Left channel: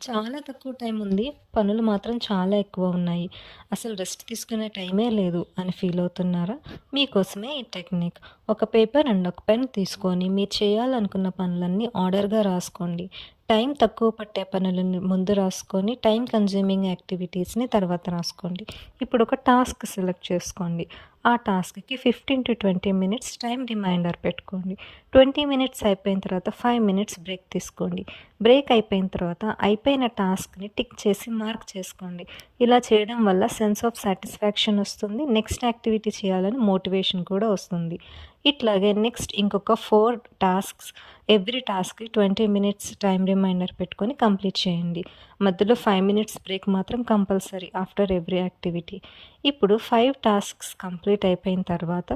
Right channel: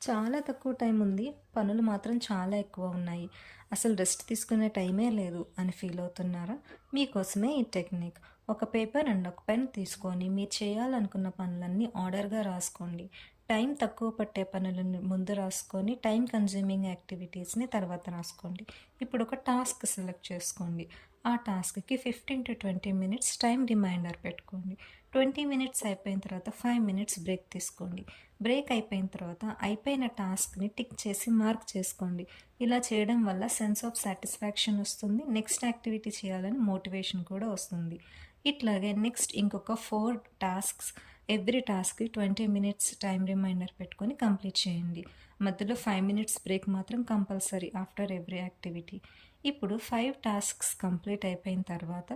చాలా తక్కువ టైం ఉంది. పనులు మాత్రం చాలా ఎక్కువ ఉన్నాయి. అసలు రెస్ట్ తీసుకునే టైమే లేదు అని ఫీల్ అవుతున్నారా? మీకోసమే ఈ టెక్నిక్. ఒక పేపర్ అండ్ ఒక పెన్ తీసుకొని మీరు చేయాలనుకున్న పనులన్నీ ఆర్డర్‌గా రాసుకోండి. టైం తక్కువ పట్టే పనులని ముందు రాసుకొని, టైం కన్జ్యూమింగ్ యాక్టివిటీస్‌ని తర్వాత రాసుకోండి. ఇప్పుడు ఒక టాస్క్ సెలెక్ట్ చేసుకోండి. ఆ టాస్క్‌కి 15-20 మినిట్స్ టైం రిమైండర్ పెట్టుకోండి. 20 మినిట్స్ అయిపోయిన తర్వాత 5 మినిట్స్ బ్రేక్ తీసుకోండి. బ్రేక్ అయిపోయిన తర్వాత అయిపోయిన టాస్క్‌ని టిక్ చేసి మార్క్ చేసుకోండి. ఇలా చేయడం వల్ల సెన్స్ ఆఫ్ సాటిస్ఫాక్షన్ వస్తుంది. నెక్స్ట్ యాక్టివిటీ చేయాలని మోటివేషన్ కూడా వస్తుంది. ఇట్లాగే నెక్స్ట్ ఇంకొక 4 టాస్క్స్ ఎవ్రీ టాస్క్‌కి 20 మినిట్స్ టైమ్ రిమైండర్ పెట్టుకొని కంప్లీట్ చేయండి. మధ్యలో 5 మినిట్స్ బ్రేక్ మాత్రం కంపల్సరీ ఆఫ్టర్ ఎవ్రీ యాక్టివిటీ. ఇప్పుడు 5 టాస్క్స్ కంప్లీట్ అయిపోయిన తర్వాత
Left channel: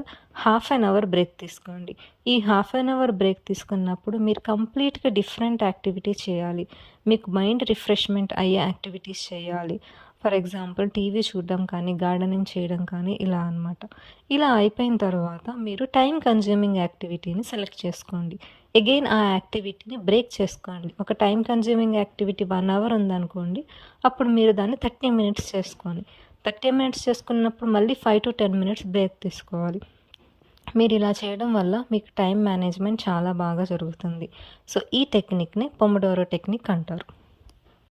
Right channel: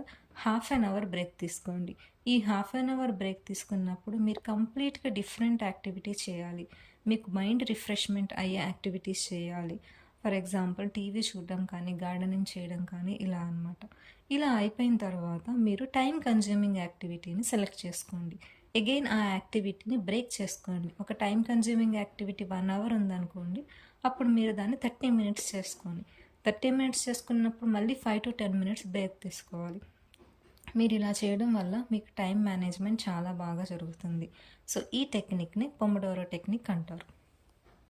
హాఫ్ అన్ అవర్ బ్రేక్ తీసుకోండి. ఈ హాఫ్ అన్ అవర్ బ్రేక్ తీసుకున్నప్పుడు మీరు కంప్లీట్‌గా డిఫరెంట్ యాక్టివిటీ చేయాలి. మీకు మైండ్ రిఫ్రెష్‌మెంట్ అయ్యే యాక్టివిటీస్ చేయాలి. ఫర్ ఎగ్జాంపుల్ టీవీ చూడడం కానీ, గార్డెనింగ్ చేయడం కానీ ఇలా అనమాట. ఇలా అయిపోయిన తర్వాత మీరు టైమ్ కన్జ్యూమింగ్ యాక్టివిటీని సెలెక్ట్ చేసుకోండి. అగైన్ ఆ యాక్టివిటీని బ్రేక్ చేసుకోండి. ఒక టైమ్ కన్జ్యూమింగ్ యాక్టివిటీ 1 అవర్ ఉందనుకోండి. అప్పుడు మీరు దాన్ని 30 మినిట్స్ చేసుకోండి. 30 మినిట్స్ చేసుకున్నప్పుడు మళ్ళీ 5-10 మినిట్స్ బ్రేక్ తీసుకోవాలి. మీరిలా చేయడం వల్ల మీకు టైమ్ మేనేజ్‌మెంట్ చాలా బాగా జరుగుతుంది. సో, ఈ టెక్నిక్‌ని పొమోడోరో టెక్నిక్ అంటారు.